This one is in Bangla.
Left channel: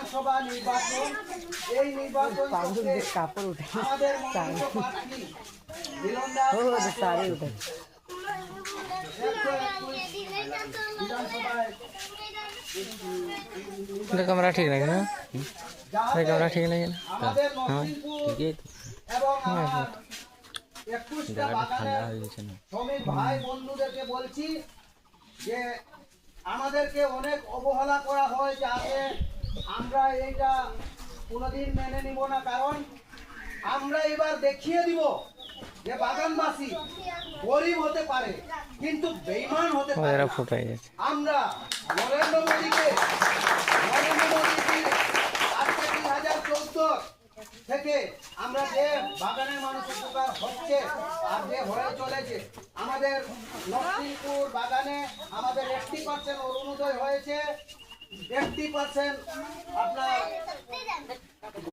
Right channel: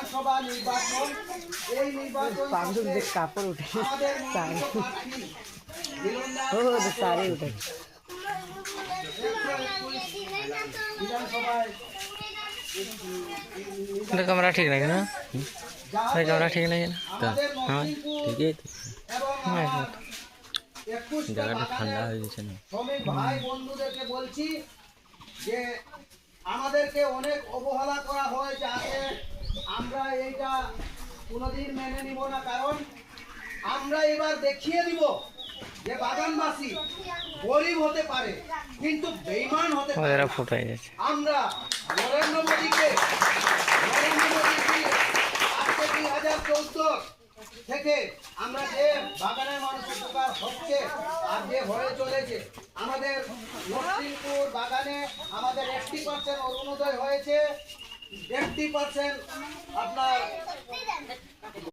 বিধানসভা নির্বাচন, এই নির্বাচন কাপড় উঠে আমাদের মনোনীত প্রার্থী বিধানসভায় कैमरा ठीक लगे ना कैमरा ठीक लगे ना আমাদের हाँ নরসিংপুর ठीक है এবং हाँ, আমার 21টা জায়গাটা ঠান্ডা বাগানের হয়ে গেছে না শ্রমিক ভাই বন্ধুদেরকে বলছি যে আমাদেরকে অনেক অবহেলা করা হয়, যাতে আমরা এইটা কোনোদিন মেনে নিব না। কারণ আমরা এবার দেখিয়ে দিব যে বাগানবাসী গরিব হতে পারে কিন্তু বেঈমান হতে পারে ওরা না। ফুটাই যাচ্ছে আমরা নরেন্দ্র মোদীকে আজকে 2014 থেকে আমরা যে বাগানের মানুষের উপকার হচ্ছে আর যে হয়ে চলেছে, আমাদের নরসিংপুর বাগানে আমাদের 80% অরুণোদয় হয়েছে, 80% আপনার